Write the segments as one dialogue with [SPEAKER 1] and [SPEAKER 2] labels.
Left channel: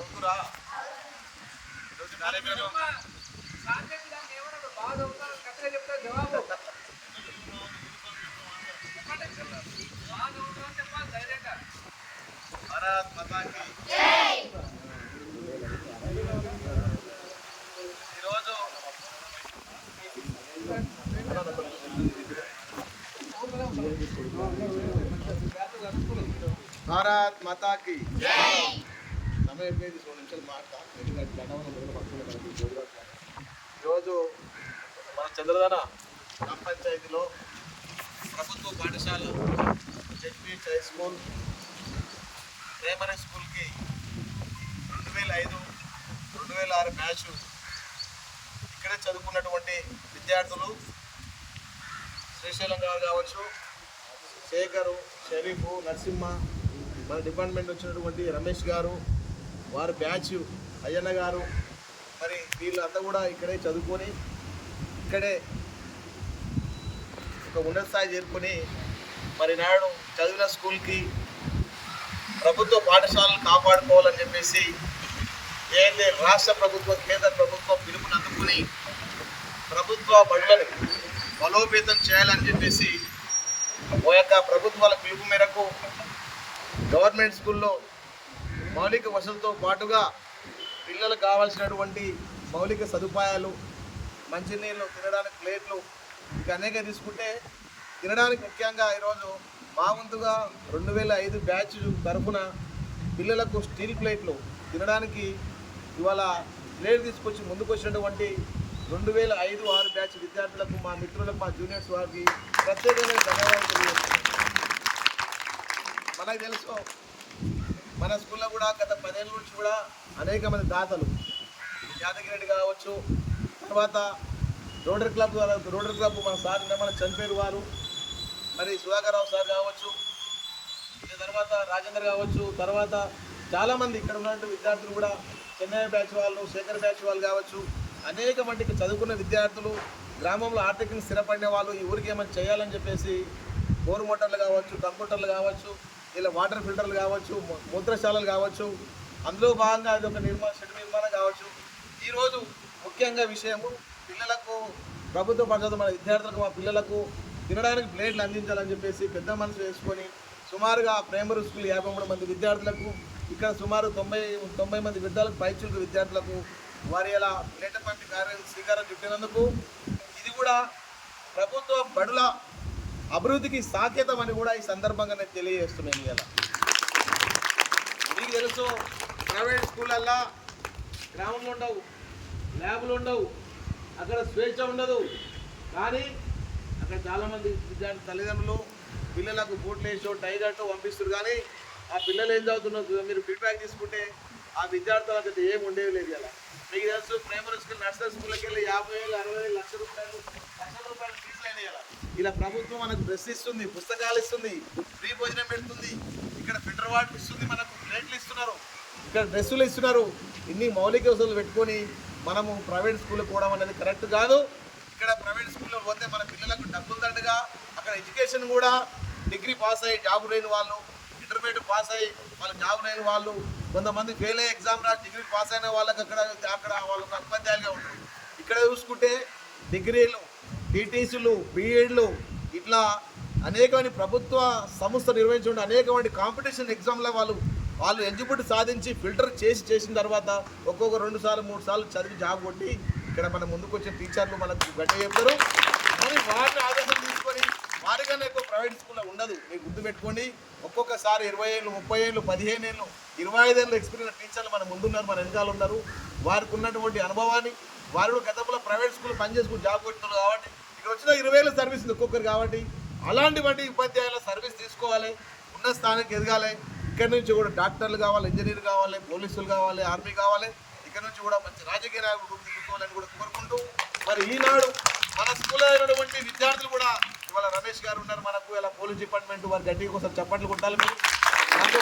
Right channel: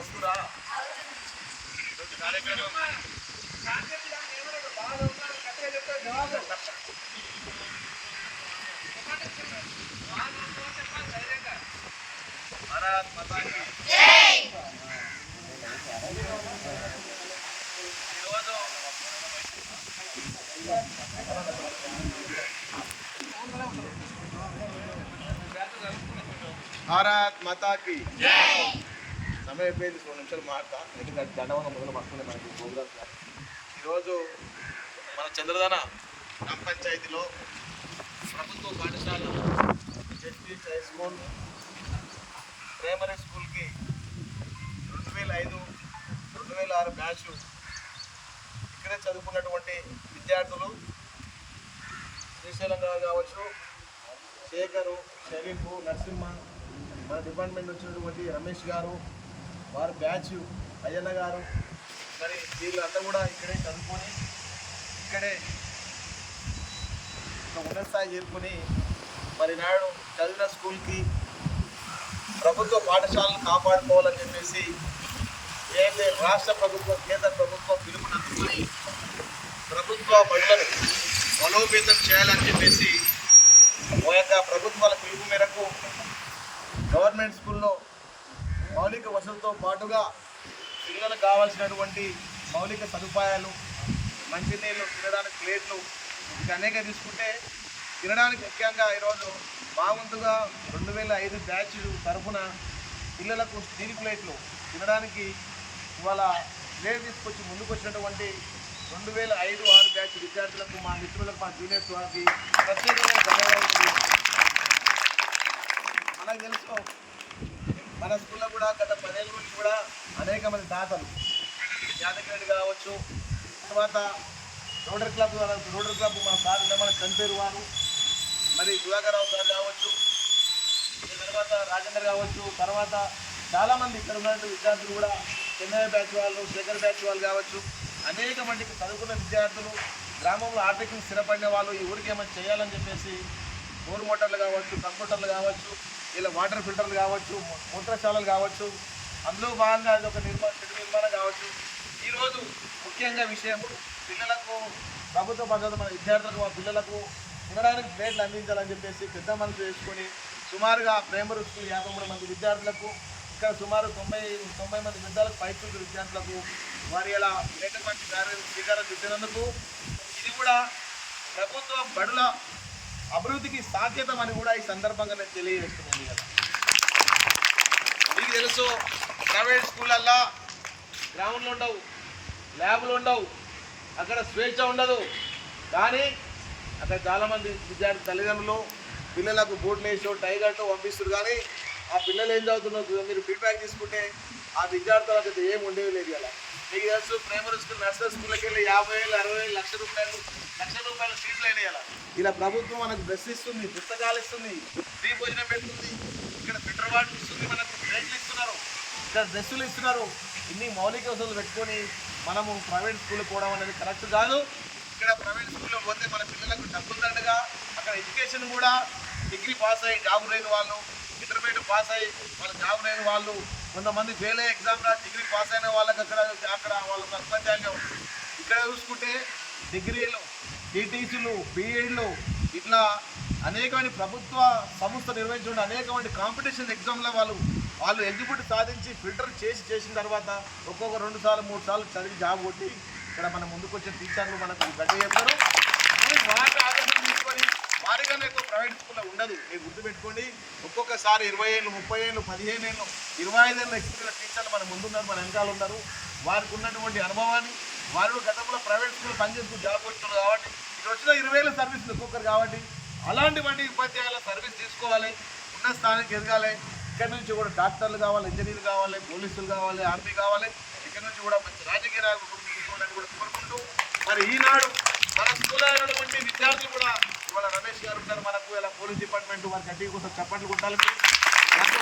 [SPEAKER 1] చదువుతురా ఈరోజు కార్యక్రమం భారత్ మాతాకి నిమిషాలు మాట్లాడతాం ఎందుకంటే దండవనం మొదలు పడుతుంది మనకి గోగురాజు ఈరోజు మన చంద్రధన గ్రామ పంచాయతీలో ప్రభుత్వ పాఠశాల జెడ్పీ హై స్కూల్ ప్రైమరీ స్కూల్కి రెండు వేల ఐదు రెండు వేల ఆరు బ్యాచ్ ఇక్కడే చదువుకున్నటువంటి విద్యార్థులు శ్రీశైలం గారు కావచ్చు శేఖరు షరీఫ్ నరసింహ మన డిపార్ట్మెంట్ వచ్చినటువంటి రమేష్ గారు వారు బ్యాచ్ అయ్యన్న గారు మరి వీళ్ళంతా కూడా ఇక్కడే చదువుకొని ఇక్కడే ఒక ఉన్నత స్థాయి చేరుకొని మరి నాడు చదివిన స్కూల్కి ప్రభుత్వ పాఠశాలను కాపాడుకోవాలని చెప్పేసి ఏదైతే రాష్ట్ర ప్రభుత్వం కేంద్ర ప్రభుత్వం పిలుపుని అందుకొని ప్రభుత్వ బడులను బలోపేతం చేయాలని చెప్పేసి ఓ యొక్క ప్రభుత్వాల పిలుపు మేరకు గవర్నమెంట్ స్కూల్లో మౌలిక వసతులతో పాటుగా పిల్లలకు కావాల్సినటువంటి మౌలిక సదుపాయాలు మంచినీళ్ళు తినడానికి ప్లేట్లు ఇంకా అనేక తీసుకుంటే తినడానికి ముఖ్యంగా ఈరోజు మా వంతుగా రెండు వేల ఐదు బ్యాచ్ తరఫున పిల్లలకు స్టీల్ ప్లేట్లు తినడానికి ఇవాళ ప్లేట్ తీసుకొచ్చి ముందుకు వచ్చినటువంటి రెండు వేల ఐదు ఆరు బ్యాచ్ విద్యార్థులకు మా మిత్రులకు మా జూనియర్స్ వారికి ప్రత్యేకమైన ధన్యవాదాలు మనకు తెలుసు మన స్కూల్లో కూడా గత పదేళ్ళ నుంచి కూడా అనేక మంది దాతలు యాదగిరి రెడ్డి కావచ్చు తర్వాత రోడర్ క్లబ్ ద్వారా క్లబ్ మన సార్ మన చంపేరు వారు మరి సుధాకర్రావు సార్ కావచ్చు తర్వాత రాజేందర్ కావచ్చు తర్వాత చాలామంది ఇక్కడ ఉన్నటువంటి విద్యార్థులు కూడా చెన్నై బ్యాచ్ వాళ్ళు శేఖర్ బ్యాచ్ వాళ్ళు కావచ్చు అనేక మందికి చదువుకున్న విద్యార్థులు గ్రామంలో ఆర్థికంగా స్థిరపడిన వాళ్ళు ఈ ఊరికి ఏమైనా చేయాలని చెప్పేసి బోర్ మోటార్లు కావచ్చు కంప్యూటర్లు కావచ్చు ఇలా వాటర్ ఫిల్టర్లు కావచ్చు మూత్రశాలలు కావచ్చు అందులో భాగంగా ఇది ఒక నిర్మాణ శక్తి నిర్మాణం కావచ్చు. ఈరోజు ముఖ్యంగా విషయము పిల్లలకు ప్రభుత్వ పద్ధతి మన విద్యార్థులకు మా పిల్లలకు తినడానికి ప్లేట్లు అందించాలని చెప్పేసి పెద్ద మనసు వేసుకొని సుమారుగా ప్రైమరీ స్కూల్ యాభై మూడు మంది విద్యార్థులకు ఇక్కడ సుమారు తొంభై తొంభై మంది విద్యార్థులకు పైచూలు విద్యార్థులకు వారి ఇలా ప్లేట్ల పంపి స్వీకారం ఇచ్చినందుకు ఇది కూడా ప్రభుత్వ బడుల అభివృద్ధికి సాధ్యతం అని కూడా ఈ సందర్భంగా నేను తెలియజేస్తున్నాను కదా మీకు తెలుసు ప్రైవేట్ స్కూళ్ళల్లో గ్రౌండ్లు ఉండవు ల్యాబ్లు ఉండవు అక్కడ స్వేచ్ఛ ఉండదు. కానీ అక్కడ చాలామంది విద్యార్థి తల్లిదండ్రులు పిల్లలకు బూట్లు వేసో టైగర్తో పంపిస్తారు కానీ ఆ పిల్లలు ఏం చదువుతున్నారు? మీరు ఫీడ్బ్యాక్ తీసుకుంటే ఆ విద్యార్థులకు అయితే ఏం ఉండేది లేదు ఇలా మీకు తెలుసు ప్రైమరీ స్కూల్ నర్సరీ స్కూల్కి వెళ్ళి యాభై వేలు అరవై వేలు లక్ష రూపాయలు లక్ష రూపాయలు ఇలా ప్రభుత్వం మనకు బస్ ఇస్తుంది పుస్తకాలు ఇస్తుంది ఫ్రీ భోజనం పెడుతుంది. ఇక్కడ ఫిల్టర్ వాటర్ ఇస్తుంది మనకు రేట్లు ఇస్తున్నారు. ఇక్కడ డ్రెస్సులు ఇస్తున్నారు. ఇన్ని మౌలిక వసతులు పెట్టుకొని మనము ప్రైవేట్ స్కూల్ పోవడం అనేది కరెక్ట్ కాదు. ఇక్కడ ప్రైవేట్ స్కూల్లో పోతే మన పిల్లలకు డబ్బులు దండగా అక్కడ ఎడ్యుకేషన్ కూడా డిగ్రీ పాస్ అయ్యి జాబ్ లేని వాళ్ళు ఇంటర్మీడియట్ పాస్ అయ్యి వాళ్ళకి జాబ్ లేని వాళ్ళు కొంతమంది ఫెయిల్ అయ్యే ఎగ్జామ్ రాసి డిగ్రీ పాస్ అయిన వాళ్ళకి అక్కడ అక్కడ వాళ్ళకి ఉపాధ్యాయులుగా ఉంటుంది ఇక్కడ చూసుకుంటే డిగ్రీలు టీటీసీలు బీఎడ్లు ఇట్లా అనేకమైన ప్రభుత్వ సంస్థ నిర్వహించిన అనేకమైన కాంపిటీషన్ ఎగ్జామ్లో వాళ్ళు వాళ్ళు ఎగ్జిక్యూట్ సాధించి ఫిల్టర్ చేసి చేసిన తర్వాత ఒక్కొక్క రెండు సార్లు మూడు సార్లు చదివి జాబ్ కొట్టి ఇక్కడ మన ముందుకు వచ్చిన టీచర్లు మనకు గట్ట చెప్తారు. మరి వారిని తీసుకొని వారిగానే ఎక్కువ ప్రైవేట్ స్కూల్లో ఉండదు. మీరు గుర్తుపెట్టుకోండి ఒక్కొక్కసారి ఇరవై ఏళ్ళు ముప్పై ఏళ్ళు పదిహేను ఏళ్ళు ఇరవై ఐదు ఎక్స్పీరియన్స్ టీచర్లు మన ముందున్నారు మన వెనకాల ఉన్నారు. వారికి ఉన్నటువంటి అనుభవాన్ని వారు గతంలో ప్రైవేట్ స్కూల్ పనిచేసుకుని జాబ్ కొట్టున్నారు కాబట్టి ఇక్కడ వచ్చిన ఇరవై ఏళ్ళ సర్వీస్ ఉంది ఒక్కొక్కరు కాబట్టి అలాంటి వంటి ఉపాధ్యాయుల సర్వీస్ తీసుకోవాలి. ఉన్న స్థానానికి ఎదగాలి. ఇక్కడ నుంచి కూడా డాక్టర్లు కావాలి ఇంజనీర్ కావాలి పోలీసులు కావాలి ఆర్మీ కావాలి. ఇక్కడ నుంచి కూడా మంచి రాజకీయ నాయకులు కూడా కోరుకుంటూ మరి ఈనాడు మన స్కూల్లో అయినటువంటి విద్యార్థులు కూడా ఇవాళ రమేష్ గారు ఉన్నారు మనకు. ఇలా పోలీస్ డిపార్ట్మెంట్ వారి గట్టిగా కోసం చప్పట్లు కొట్టాలి దాంతో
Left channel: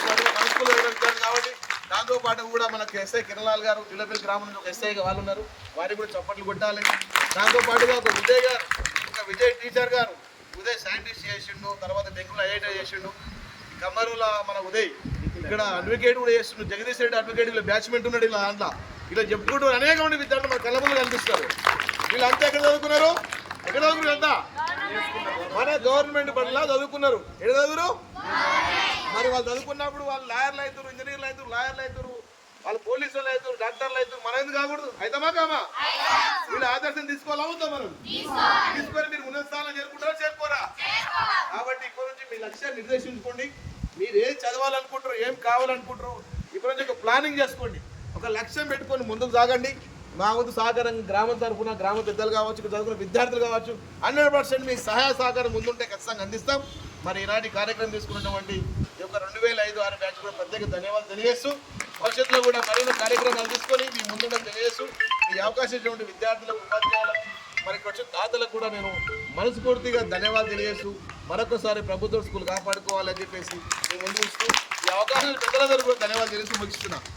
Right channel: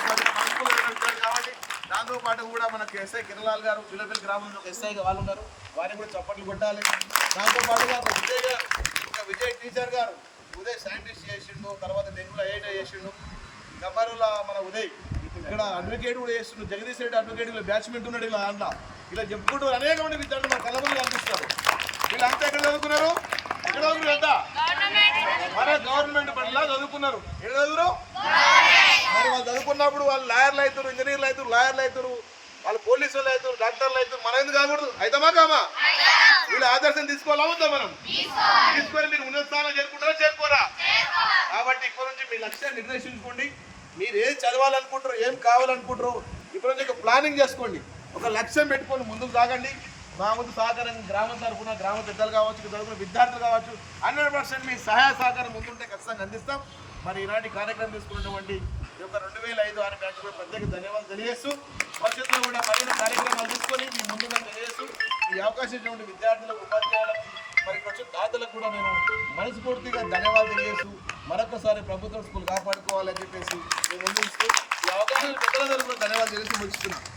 [SPEAKER 1] కాబట్టి దాంతో పాటు కూడా మనకు ఎస్ఐ కిరణాల్ గారు పిల్లపల్లి గ్రామం నుంచి ఒక ఎస్ఐగా వాళ్ళు ఉన్నారు. వారికి కూడా చప్పట్లు కొట్టాలి. దాంతో పాటుగా ఒక విజయ్ గారు విజయ్ టీచర్ గారు ఉదయ్ సైంటిస్ట్ చేసిండు తర్వాత డెంగ్యూలో ఐఐటీ చేసిండు. కమ్మరుల మన ఉదయ్ ఇక్కడ అడ్వకేట్ కూడా చేస్తున్నాడు జగదీష్ రెడ్డి అడ్వకేట్ ఇలా బ్యాచ్మెంట్ ఉన్నాడు ఇలా దాంట్లో ఇలా చెప్పుకుంటూ అనేక మంది విద్యార్థులు మన కళ్ళ ముందు కనిపిస్తారు. వీళ్ళంతా ఎక్కడ చదువుకున్నారు ఎక్కడ చదువుకున్నారు అంతా మన గవర్నమెంట్ బడిలా చదువుకున్నారు. ఎక్కడ చదువురు? మరి వాళ్ళు చదువుకున్నప్పుడు వాళ్ళు లాయర్లు అవుతారు ఇంజనీర్లు అవుతారు లాయర్లు అవుతారు వాళ్ళు పోలీసు వాళ్ళు అవుతారు డాక్టర్లు అవుతారు. మన ఎందుకు కాకూడదు? అవుతామా కామా? వీళ్ళు ఆదర్శం తీసుకోవాలా వద్దా మనం? తీసుకొని మీరు ఉన్నత స్థానం చేరుకుంటారా చేరుకోరా? కాబట్టి ఇప్పటి నుంచి మీ లక్ష్యాన్ని నిర్దేశించుకోండి. మీరు ఏం చదవాలనుకుంటారు ఏం కావాలనుకుంటారు ఇప్పటి నుంచి ప్లానింగ్ చేసుకోండి. ఒక లక్ష్యం పెట్టుకొని ముందుకు సాగండి. మా ముందు సహకారం గ్రామం తరఫున గ్రామ పెద్దలు కావచ్చు చదువుకున్న విద్యార్థులు కావచ్చు హండ్రెడ్ పర్సెంట్ మీ సహాయ సహకారం ముందుంటే ఖచ్చితంగా అందిస్తాం. మరి ఈనాటి కార్యక్రమం తీసుకున్నటువంటి ఈ యొక్క రెండు వేల ఐదు ఆరు బ్యాచ్ కూడా ప్రత్యేక ధన్యవాదాలు తెలియజేస్తూ భవిష్యత్తులో కూడా మరిన్ని కార్యక్రమాలు తీసుకొని మీ ముందుండడం తెలియజేస్తూ ఈ అవకాశం ఇచ్చినటువంటి విద్యార్థులకు ఉపాధ్యాయులకు మరి ఇక్కడ వచ్చిన తాతలకు కూడా నేను మనస్ఫూర్తిగా ధన్యవాదాలు తెలియజేస్తూ మరొకసారి ప్రభుత్వ స్కూల్ కాపాడుకోవాలని చెప్పేసి నేను ముందు ఈ అవకాశం పెద్దలందరూ కూడా ధన్యవాదాలు తెలిసి ముగిస్తున్నాను